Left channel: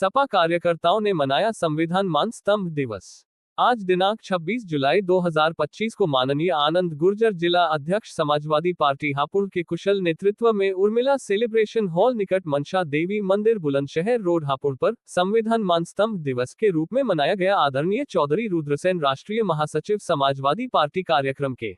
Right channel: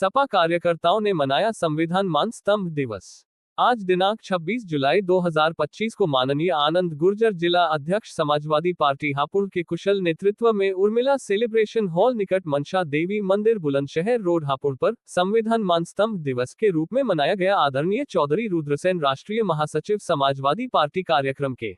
सपा कार्यकर्ताओं ने मनाया संविधान मान स्तंभ दिवस। आज दिनांक 26 जुलाई 2025 को माननीय आनंद गुर्जर जिला अध्यक्ष समाजवादी पार्टी हापुड़ के कुशल नेतृत्व में उर्मिला सेलिब्रेशन हॉल निकट मनसा देवी मंदिर बुलंदशहर रोड हापुड़ पर संविधान मान स्तंभ दिवस के रूप में मनाया गया। आदरणीय चौधरी रुद्रसेन राष्ट्रीय महासचिव समाजवादी पार्टी कार्यक्रम के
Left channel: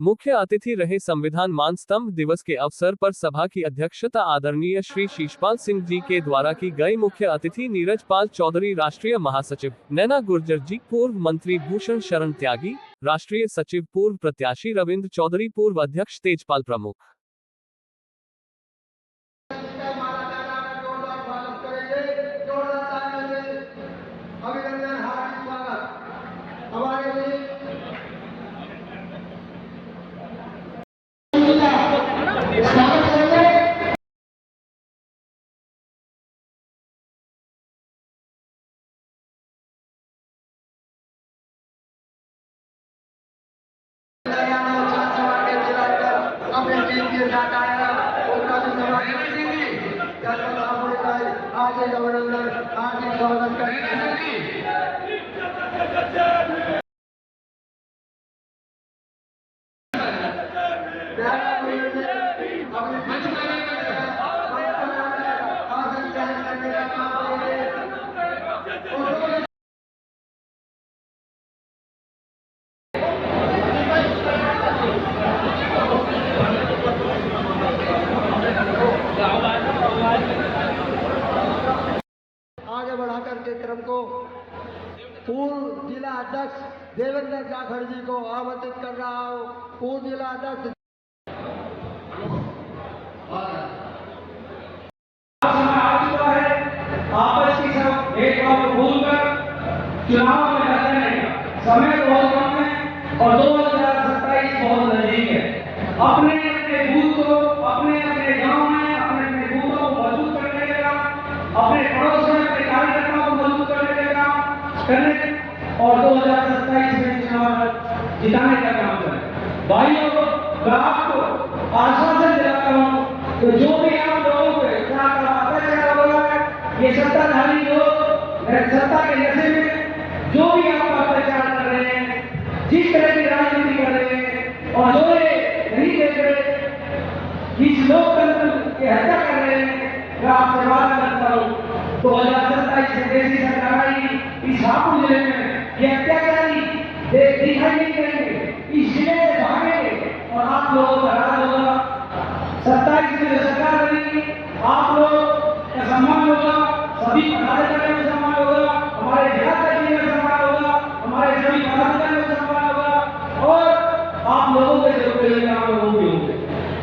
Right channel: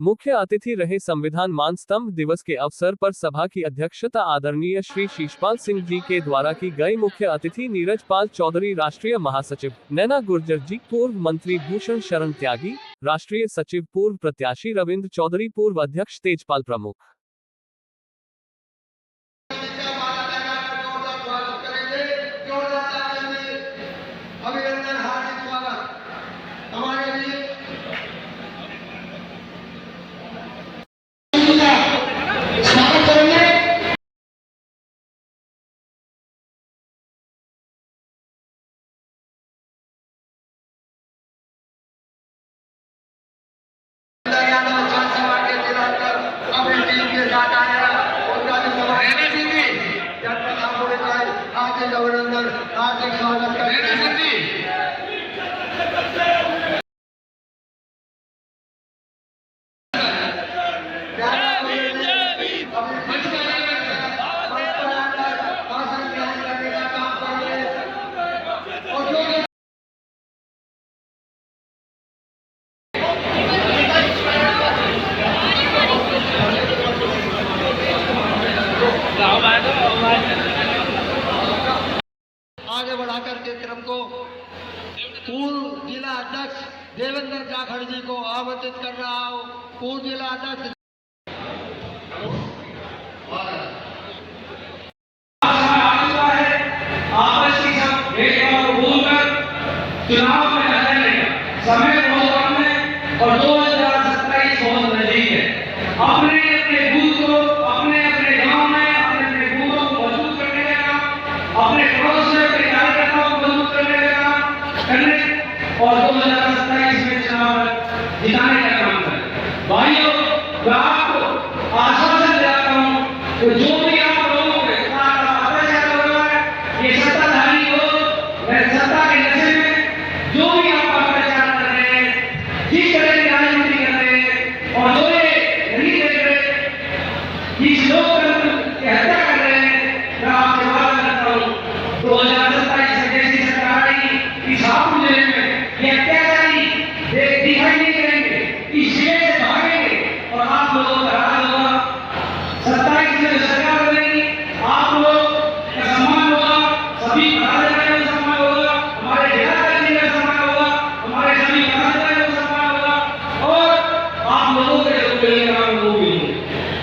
मुख्य अतिथि रहे। संविधान मान स्तंभ दिवस के अवसर पर सभा की अध्यक्षता आदरणीय श्री शीशपाल सिंह जी के द्वारा की गई। मुख्य अतिथि नीरज पाल चौधरी राष्ट्रीय महासचिव, नैना गुर्जर जी, पूर्व मंत्री भूषण शरण त्यागी, राष्ट्रीय सचिव पूर्व प्रत्याशी रविंद्र चौधरी, पूर्व अध्यक्ष तेजपाल प्रमुख। आगे बढ़ाकर के क्रम को पूर्व जिला अध्यक्ष देवेंद्र जाखड़ जी को आमंत्रित कर रहा हूं। पूर्व जिला अध्यक्ष चुनाव में समय बहुत कम है और 2027 बहुत नजदीक है। अपने अपने बूथ को अपने अपने गांव में अपने अपने बूथों को मजबूत करने का, अपने पड़ोस में अपने कार्यकर्ताओं को मजबूत करने और 2027 में चुनाव जिताने का काम करें। भाइयों, मैं आपको आश्वासन दिलाता हूं कि जो भी आप लोगों के साथ अत्याचार हो रहा है, ये सत्ताधारी लोग सत्ता के नशे में जो भी आप अत्याचार कर रहे हैं, जिस तरह की राजनीति कर रहे हैं और जो ये नहीं देख रहे, इस लोकतंत्र की हत्या कर रहे हैं, मैं आपसे वादा करता हूँ 2027 में जैसी सरकार आएगी इस हापुड़ जिले में ये अत्याचारी दिखाई नहीं करेंगे, इस जिले से भागेंगे और आप लोगों का राज होगा। 27 में सरकार बनेगी, आप लोग का सम्मान होगा, सभी पदाधिकारियों का सम्मान होगा, हमारे जिला का सम्मान होगा, हमारे सभी पदाधिकारियों का सम्मान होगा और आप लोगों के जो काम वो भी होंगे।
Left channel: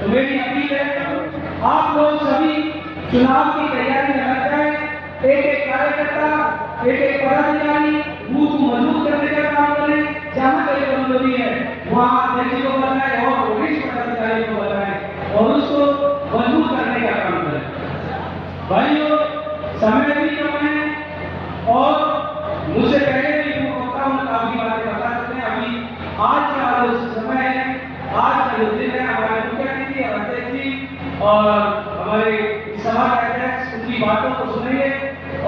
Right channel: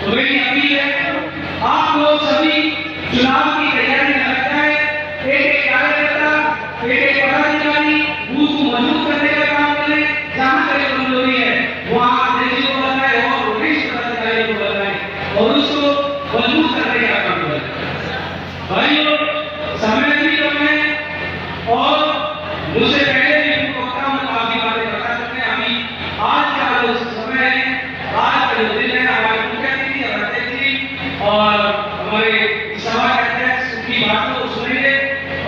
तो मेरी अपील है, आप लोग सभी चुनाव की तैयारी में लग जाए। एक कार्यकर्ता, एक पदाधिकारी बूथ को मजबूत करने का काम करें। जहां तक कमजोरी है वहां देखिए को बनाए और वरिष्ठ पदाधिकारी को बनाए और उसको मजबूत करने का काम करें। भाइयों, समय भी कम है और मुझसे पहले भी वक्ताओं ने काफी बातें बता चुके हैं। अभी आज का जो समय है, आज का जो दिन है, हमारे मुख्यमंत्री और हमारे सभा के अध्यक्ष उनकी बातों को सुनेंगे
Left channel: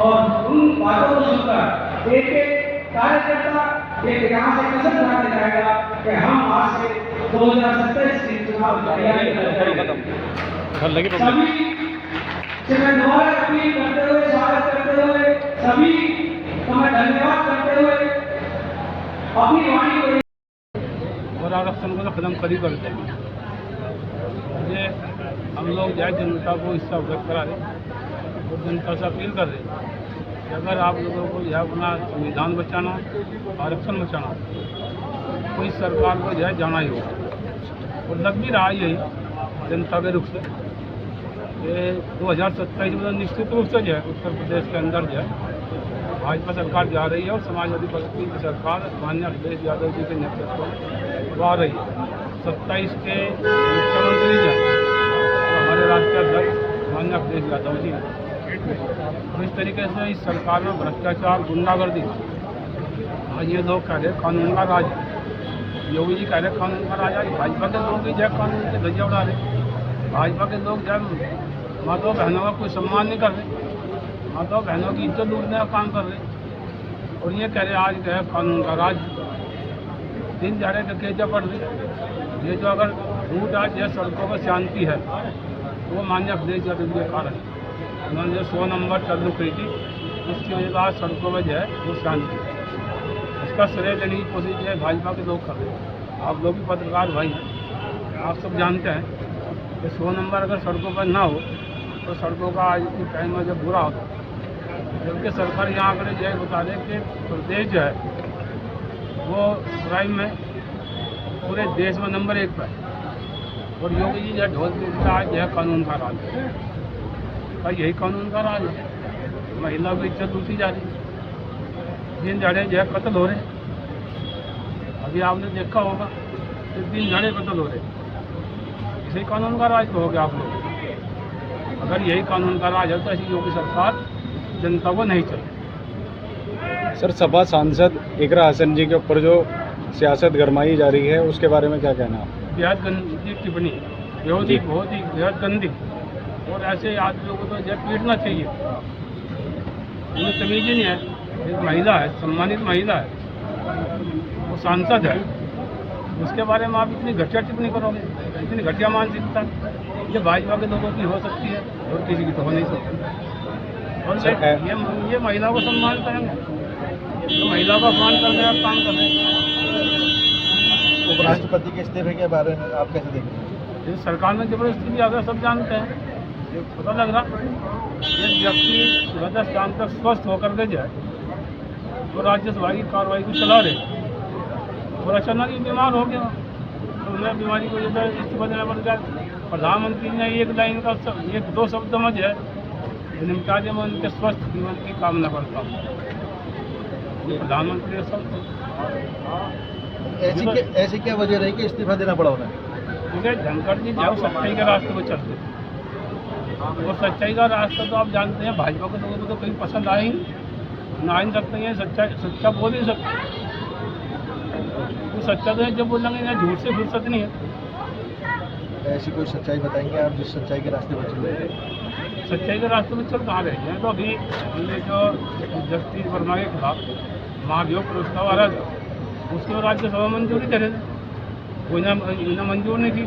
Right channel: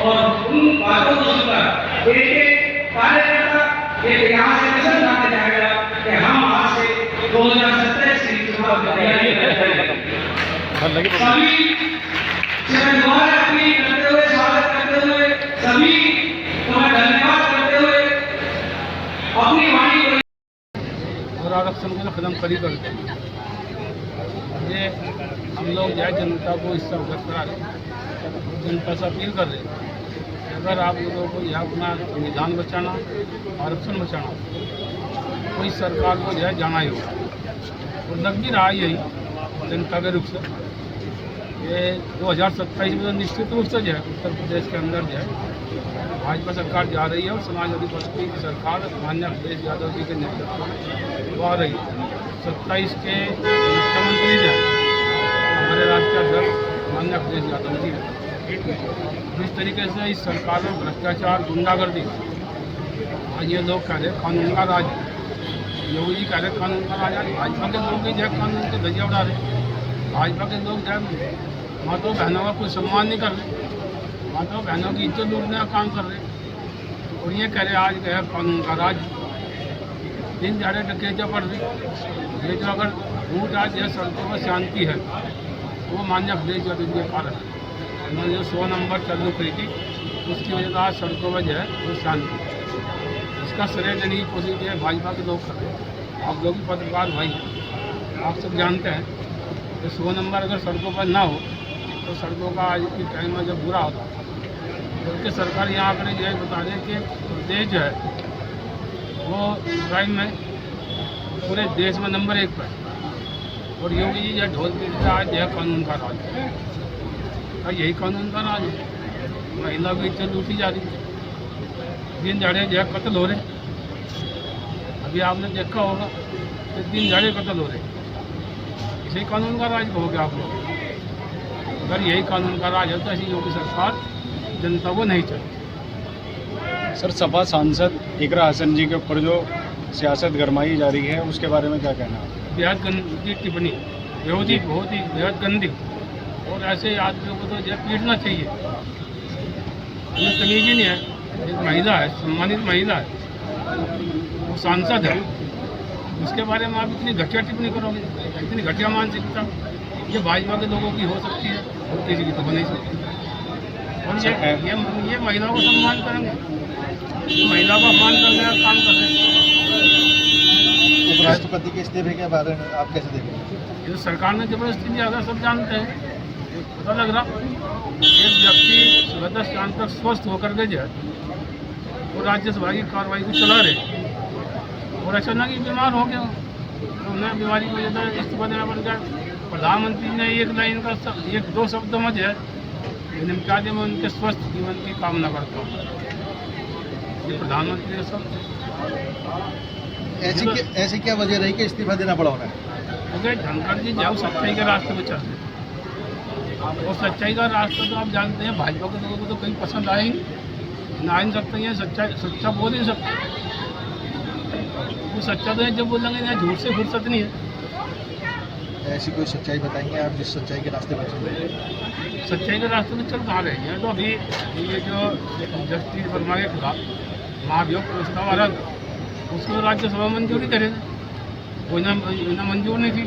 और उन बातों को सुनकर एक एक कार्यकर्ता एक यहाँ से मिशन लाने जाएगा कि हम आज से 2027 की चुनाव की तैयारी सभी चरणों अपनी करते हुए स्वागत करते हुए सभी का धन्यवाद करते हुए अपनी वाणी और आरक्षण को खत्म करी करते हैं। ये हम लोग जाए जनता को इससे अवगत करा रहे और जनता से अपील कर रहे हैं कि अगर आप लोगों को यह अपना संविधान बचाना, आरक्षण बचाना, कोई सरकार को जो है जाना ही होगा और लग भी रहा यही जनता के रुख से। ये 2027 में निश्चित रूप से जो है उत्तर प्रदेश के अंदर जो है भाजपा सरकार जा रही है और समाजवादी पार्टी की सरकार माननीय अखिलेश यादव जी के नेतृत्व में आ रही है। 27 के मुख्यमंत्री जो है हमारे राष्ट्रीय अध्यक्ष माननीय अखिलेश यादव जी इस तरीके से इस सरकार में भ्रष्टाचार, गुंडागर्दी, आज ये लोग कह रहे कानून का राज, योगी जी कह रहे कानून का राज, आज भाजपा के लोग ही जो कानून के धज्जियां उड़ा रहे। भाजपा के लोग जो माताओं बहनों का कोई सम्मान नहीं कर रहे। माताओं बहनों की इज्जत लूटने का काम कर रहे। और ये कह रहे आज गया कानून का राज, दिन दिहाड़े डकैतियाँ बढ़ रही। ये जो अगर रूट आज यह सड़कों पर शांति है तो वो मान्य अखिलेश यादव के कारण उन्होंने जो 100 नंबर चालू करी थी उसकी वजह से आज सड़कों पर जो है वो शांति। इसका श्रेय लेने की कोशिश जो है भाजपा के लोग कर रहे हैं। आप लोग भी पत्रकार भाई हैं, आप सब जानते हैं कि 100 नंबर अगर सड़कों पर ना हो तो सड़कों का आज के टाइम में जब बुरा होता, जबकि सरकार यहाँ आंकड़े जो है बता रहे कि प्रदेश जो है वो क्राइम में पूरे देश में नंबर 1 पर है। और योगी जी जो ढोल पीटता आज जो है कानून का राज है, का यही कानून का राज है। महिला की इज्जत लूटी जा रही, दिन झाड़े जो है कत्ल हो रहे। अभी आपने देखा होगा कि दिन झाड़े कत्ल हो रहे, इसी कानून का राज कहोगे आप लोग। अगर यही कानून का राज है तो ऐसी योगी सरकार जनता को नहीं चाहिए। सर, सपा सांसद इकरा हसन जी के ऊपर जो सियासत गरमाई जा रही है उसके बारे में क्या कहना है? बेहद गंदी टिप्पणी, बहुत ही बेहद गंदी। और ऐसे आदमियों को तो जो पीटना चाहिए, उन्हें तमीज ही नहीं है। एक महिला है, सम्मानित महिला है, वो सांसद है, उसके बारे में आप इतनी घटिया टिप्पणी करोगे, इतनी घटिया मानसिकता ये भाजपा के लोगों की हो सकती है और किसी की तो हो नहीं सकती। और ये महिला को सम्मान करेंगे तो महिला को अपमान करने का काम कर रहे हैं। उपराष्ट्रपति के इस्तीफे के बारे में आप कैसे देखते हैं? ये तो सरकार ने जबरदस्ती दिया गया, सब जानते हैं। ये पता लग रहा एक व्यक्ति सुबह 10 शाम तक स्वस्थ होकर के जाए तो राज्यसभा की कार्रवाई को चला रहे और अचानक ही बीमार हो गया, तो उन्हें बीमारी की वजह से इस्तीफा देना पड़ गया। प्रधानमंत्री ने एक लाइन का 1-2 शब्द में जो है निपटा दिया। मैं उनके स्वस्थ जीवन की कामना करता हूँ। ये प्रधानमंत्री का शब्द ऐसी क्या वजह रही कि इस्तीफा देना पड़ा उन्हें? क्योंकि धनखड़ जी जो सच्चाई के रास्ते पर चल रहे थे। वो सच्चाई का रास्ता तो आप जानते हैं, भाजपा के लोगों को तो कहीं पसंद आए ही ना ही सकते हैं। सच्चा बोल ही सकते, वो सच्चा तो है जब बोलेंगे, यहाँ झूठ से फुर्सत नहीं है। ऐसी कोई सच्चाई बताएंगे आप जिस सच्चाई के रास्ते पर चल रहे हैं? सच्चाई के रास्ते में चल कहाँ रही है? तो अभी ये जो जस्टिस वर्मा के खिलाफ महाभियोग प्रस्ताव आ रहा था उसको राज्यसभा मंजूरी दे रहे थे, वो ना मंजूर नहीं थी।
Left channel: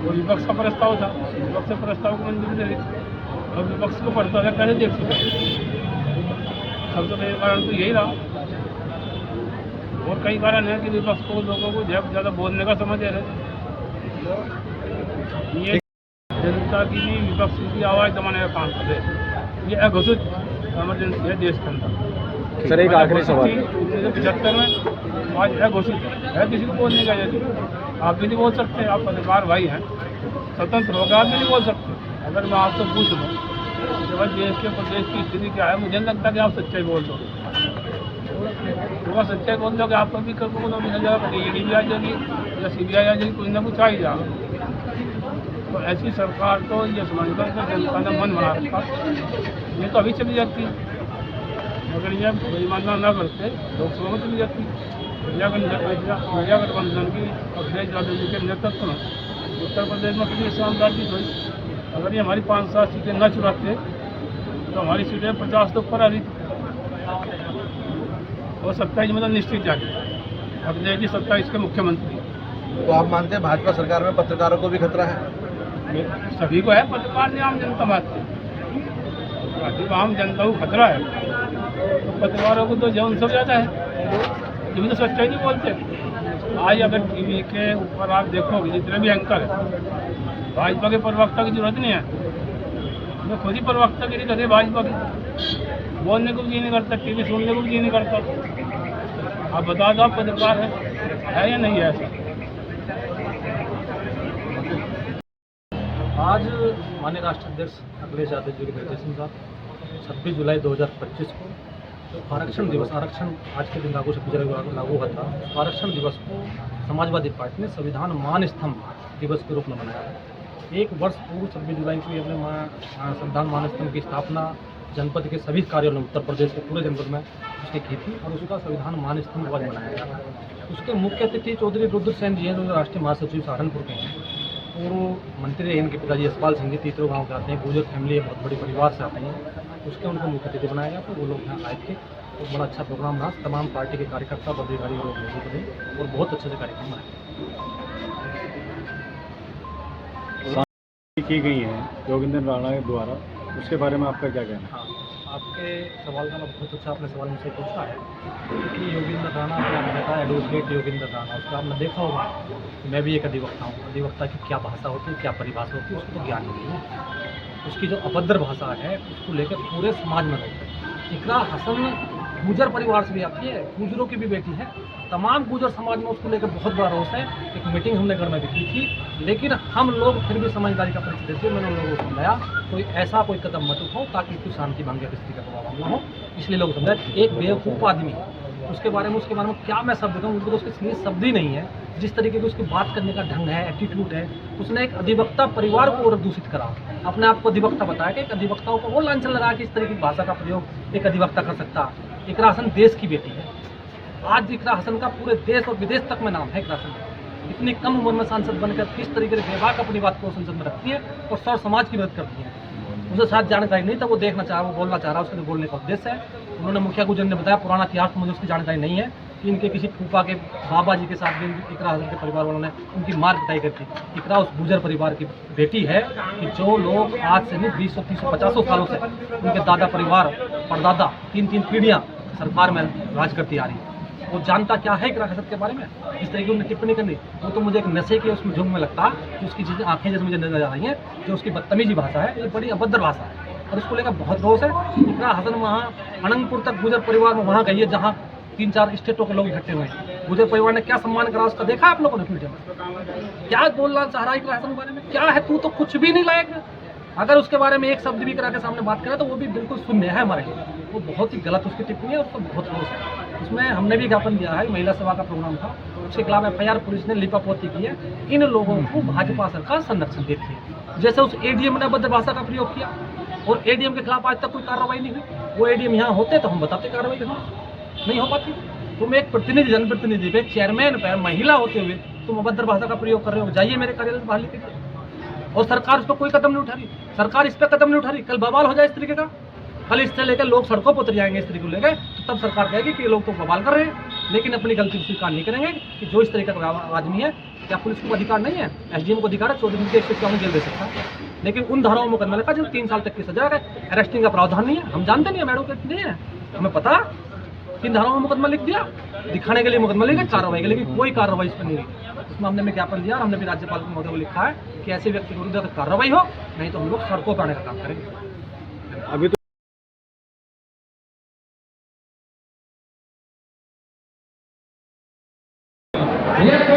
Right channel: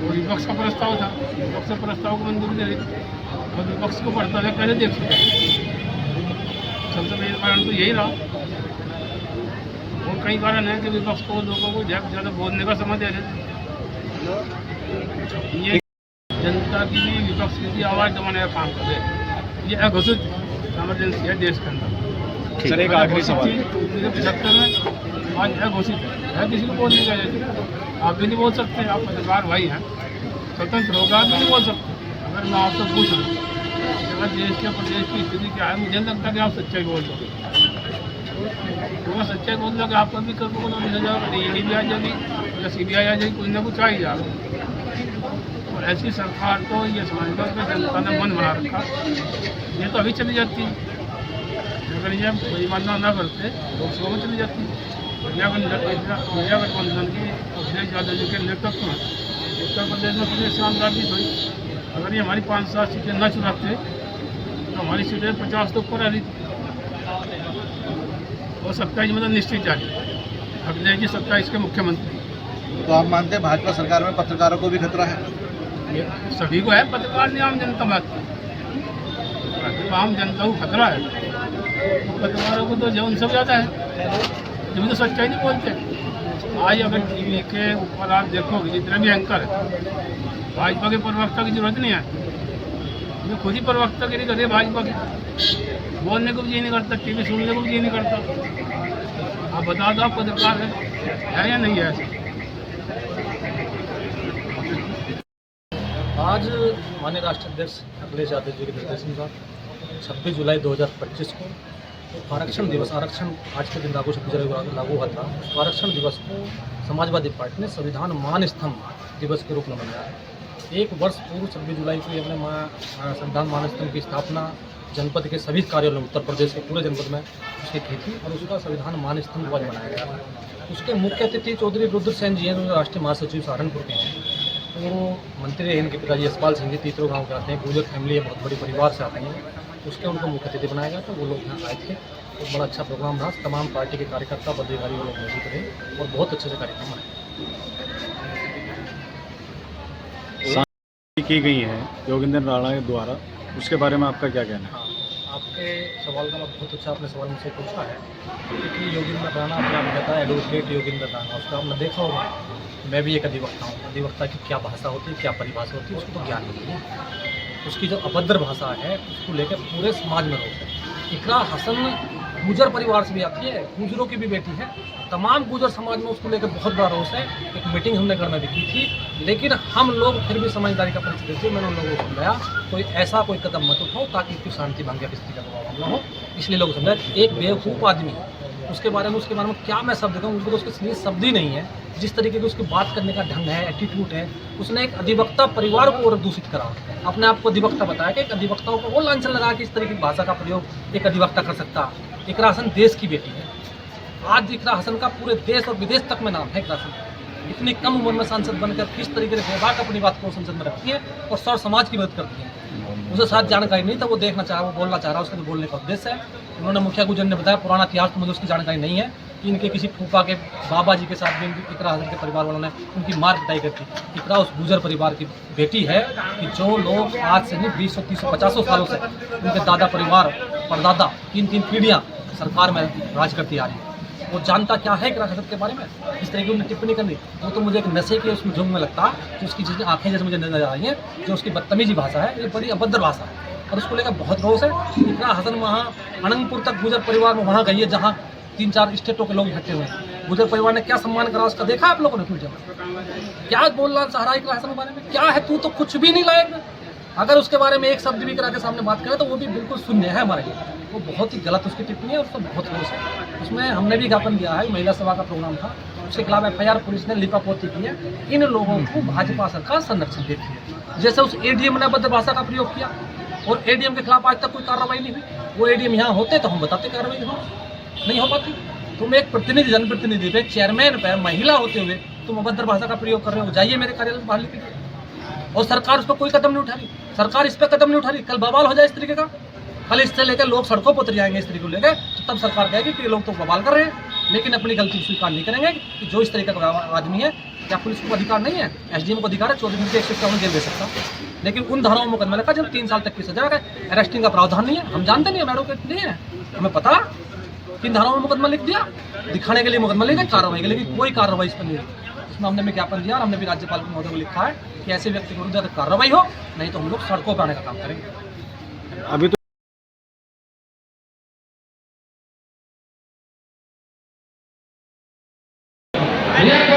वो विपक्ष का प्रस्ताव था, विपक्ष के प्रस्ताव को मंजूरी दे रही थी और विपक्ष को पढ़ता था कैसे देख सकते। सबसे मेन कारण तो यही रहा। और कई कारण है कि विपक्ष को लोगों को ज़्यादा बोलने का समय दे रहे थे। ये जनता की भी विपक्ष की भी आवाज़ दबाने का काम कर रहे हैं। ये अघोषित इमरजेंसी है देश के अंदर। सर, एक आखिरी सवाल। 1975 में आज अघोषित है, किसी को बोलने का जैसे आप भी नहीं बोल सकते। आप पत्रकार भाई हैं, स्वतंत्र होकर आप भी नहीं बोल सकते। अगर मैं आपसे पूछ लूँ कि भाई देश के प्रदेश की स्थिति क्या है, मुझे नहीं लगता कि आप सच्चाई बोल दोगे। तो वह सच्चाई बोल दोगे आप कभी कल को नोटिस आ जाएगा, ईडी भी आ जाएगी या CBI आ जाएगी, कुछ ना कुछ आ ही जाएगा। तो ऐसी सरकार तो ये समझकर के जनता ने मन बना रखा, ये तो अभी चली जाती है। अगर ये बेईमानना न करते लोकसभा में चली जाती। इंडिया गठबंधन की अखिलेश यादव जी के नेतृत्व में उत्तर प्रदेश में कितनी शानदार जीत हुई। अगर ये हमारी 5-7 सीटें न चुराते तो हमारी सीटें 50 तो ऊपर आ रही थी। और 27 मतलब निश्चित जारी, अखिलेश जी 27 के मुख्यमंत्री। तो आप मानते हैं भाजपा सरकार में पत्रकारों को भी खतरा है? सभी को है, पत्रकार नहीं आम जनता बात है। जब आम जनता को खतरा है तो पत्रकारों को तो जौन सब ज़्यादा है, जब तो सच्चाई नहीं बोलते। आज अगर टीवी के ऊपर आप देखोगे जितने भी एंकर है, भाजपा के प्रवक्ता की जरूरत नहीं है। ये खुद ही प्रवक्ता गिरी कर रही है भाजपा की, बोलने को भी जी नहीं करता, टीवी सुनने को भी जी नहीं करता। आप बता दो, आप पत्रकार है या नहीं है ऐसा? आज माननीय राष्ट्रीय अध्यक्ष अखिलेश यादव जी के निर्देशानुसार 26 जुलाई 2025 को आरक्षण दिवस, आरक्षण आज के दिन 26 जुलाई को लागू हुआ था। आरक्षण दिवस को समाजवादी पार्टी ने संविधान मान स्तंभ दिवस के रूप में मनाया है। 1 वर्ष पूर्व 26 जुलाई को अपने संविधान मान स्तंभ की स्थापना जनपद के सभी कार्यालयों में, उत्तर प्रदेश के पूरे जनपद में उसकी की थी और उसका संविधान मान स्तंभ आज मनाया गया था। उसके मुख्य अतिथि चौधरी रुद्रसेन जी हैं, जो राष्ट्रीय महासचिव सहारनपुर के हैं। पूर्व मंत्री रहे इनके पिताजी यशपाल सिंह जी, तीतरो गांव के आते हैं, गुर्जर फैमिली है, बहुत बड़ी परिवार से आते हैं। उसके उनको मुख्य अतिथि बनाया गया, तो वो लोग यहाँ आए थे और बड़ा अच्छा प्रोग्राम रहा। तमाम पार्टी के कार्यकर्ता पदाधिकारी वो लोग मौजूद रहे और बहुत अच्छे से कार्यक्रम रहे। की गई है योगेंद्र राणा के द्वारा, उसके बारे में आपका क्या कहना है? हाँ, आपके सवाल का बहुत अच्छा आपने सवाल मुझसे पूछा है कि योगेंद्र राणा अपने आप कहता है एडवोकेट योगेंद्र राणा, उसका आपने देखा होगा। मैं भी एक अधिवक्ता हूँ। अधिवक्ता की क्या भाषा होती है, क्या परिभाषा होती है, उसको तो ज्ञान नहीं है। उसकी जो अभद्र भाषा है उसको लेकर पूरे समाज में रोष है। इकरा हसन गुजर परिवार से भी आती है, गुजरों की भी बेटी है। तमाम गुजर समाज में उसको लेकर बहुत बड़ा रोष है। एक मीटिंग हमने घर में भी की थी, लेकिन हम लोग फिर भी समझदारी का परिचय देते। मैंने उन लोगों को समझाया कोई ऐसा कोई कदम मत उठाओ ताकि इसकी शांति भंग या किसी का प्रभाव न हो। इसलिए लोग समझाए एक बेवकूफ़ आदमी उसके बारे में क्या मैं शब्द कहूँ, मुझको तो उसके लिए शब्द ही नहीं है। जिस तरीके की उसकी बात करने का ढंग है, एटीट्यूड है, उसने एक अधिवक्ता परिवार को और दूषित करा। अपने आप को अधिवक्ता बताया कि एक अधिवक्ताओं को वो लांछन लगा कि इस तरीके की भाषा का प्रयोग एक अधिवक्ता कर सकता। इकरा हसन देश की बेटी है। आज इकरा हसन का पूरे देश और विदेश तक में नाम है। इकरा हसन इतनी कम उम्र में सांसद बनकर किस तरीके से बेबाक अपनी बात को संसद में रखती है और सौ समाज की मदद करती है। उसे साथ जानकारी नहीं था, वो देखना चाहा, वो बोलना चाह रहा, उसके बोलने का उद्देश्य है। उन्होंने मुखिया गुजर ने बताया पुराना इतिहास तो मुझे उसकी जानकारी नहीं है कि इनके किसी फूफा के बाबा जी के साथ भी इकरा हसन के परिवार वालों ने उनकी मार पिटाई करती। इकरा उस गुजर परिवार की बेटी है कि जो लोग आज से नहीं 20, 30, 50 सालों से उनके दादा परिवार परदादा 3 पीढ़ियाँ सरकार में राज करती आ रही है। वो जानता क्या है इकरा हसन के बारे में। इस तरह की उन्होंने टिप्पणी करनी, वो तो मुझे एक नशे के उसमें झुंग में लगता जो उसकी चीज़ें आंखें जैसे मुझे नजर आ रही हैं, जो उसकी बदतमीजी भाषा है, ये बड़ी अभद्र भाषा है और उसको लेकर बहुत रोष है। इकरा हसन वहाँ अनंतपुर तक गुजर परिवार में वहाँ गई है जहाँ 3-4 स्टेटों के लोग इकट्ठे हुए हैं। गुजर परिवार ने क्या सम्मान करा उसका देखा आप लोगों ने वीडियो में? क्या बोल रहा सहारा इकरा हसन के बारे में? क्या है तू तो कुछ भी नहीं लायक। अगर उसके बारे में एक शब्द भी करा के सामने बात करें तो वो भी बिल्कुल शून्य है हमारे लिए। वो बहुत ही गलत उसकी टिप्पणी है, उसका बहुत रोष है। उसमें हमने भी ज्ञापन दिया है, महिला सभा का प्रोग्राम था, उसके खिलाफ FIR पुलिस ने लिपापोती की है। इन लोगों को भाजपा सरकार संरक्षण देती है। जैसे उस ADM ने अभद्र भाषा का प्रयोग किया और ADM के खिलाफ आज तक कोई कार्रवाई नहीं हुई। वो ADM यहाँ होते तो हम बताते कार्रवाई नहीं हो पाती। तुम एक प्रतिनिधि, जनप्रतिनिधि पे, चेयरमैन पे, महिला होते हुए तुम अभद्र भाषा का प्रयोग कर रहे हो, जाइए मेरे कार्यालय से बाहर लिख लीजिए। और सरकार उस पर कोई कदम नहीं उठा रही। सरकार इस पर कदम नहीं उठा रही। कल बवाल हो जाए इस तरीके का, कल इससे लेकर लोग सड़कों पर उतर जाएंगे इस तरीके को लेकर, तो तब सरकार कहेगी कि ये लोग तो बवाल कर रहे हैं, लेकिन अपनी गलती को स्वीकार नहीं करेंगे कि जो इस तरीके का आदमी है। क्या पुलिस को अधिकार नहीं है? SDM को अधिकार है 14 दिन के 151 जेल दे सकता, लेकिन उन धाराओं में मुकदमा लिखा जब 3 साल तक की सजा है। अरेस्टिंग का प्रावधान नहीं है। हम जानते नहीं है, एडवोकेट नहीं है, हमें पता 3 धाराओं में मुकदमा लिख दिया, दिखाने के लिए मुकदमा लिख दिया, कार्रवाई के लिए कोई कार्रवाई इस पर नहीं हुई। उसमें हमने भी ज्ञापन दिया और हमने भी राज्यपाल महोदय को लिखा है कि ऐसे व्यक्ति के विरुद्ध कार्रवाई हो, नहीं तो हम लोग सड़कों पर आने का काम करेंगे। अभी तो ये